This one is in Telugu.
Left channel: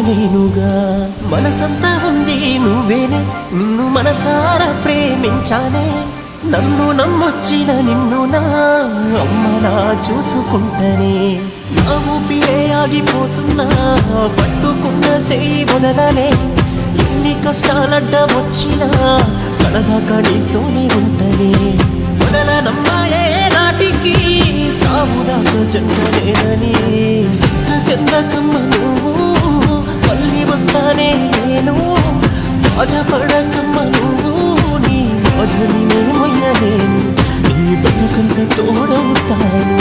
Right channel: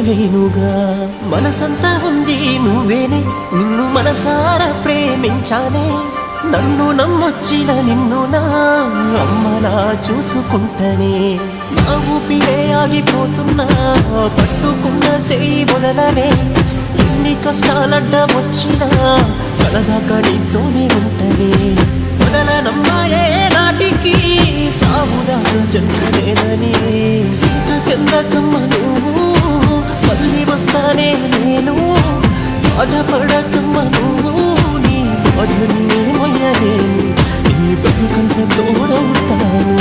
ఉండలేనుగా. మనసంతా ఉంది నువ్వేనే, నిన్ను మనసారా ప్రేమించానే. నన్ను నమ్మొచ్చిన నిన్ను నా అమ్మలా చూసుకుంటనే. నా ఊపిరే ఆగిపోతున్నా, పట్టుకున్న సేయి వదలనే. ఎన్ని కష్టాలడ్డ వచ్చినా కడదాకా నీతోనే ఉంటనే. వదలనమ్మాయే నాటికి సావుదాకా జంటనేనని. సింత సెందకమ్మ నువ్వు, మళ్ళీ వస్తానే నేను. బాధపడకమ్మ నువ్వు, నీ బాధని నే మొయ్యలేను. నీ బతుకంత తోడవుతాను.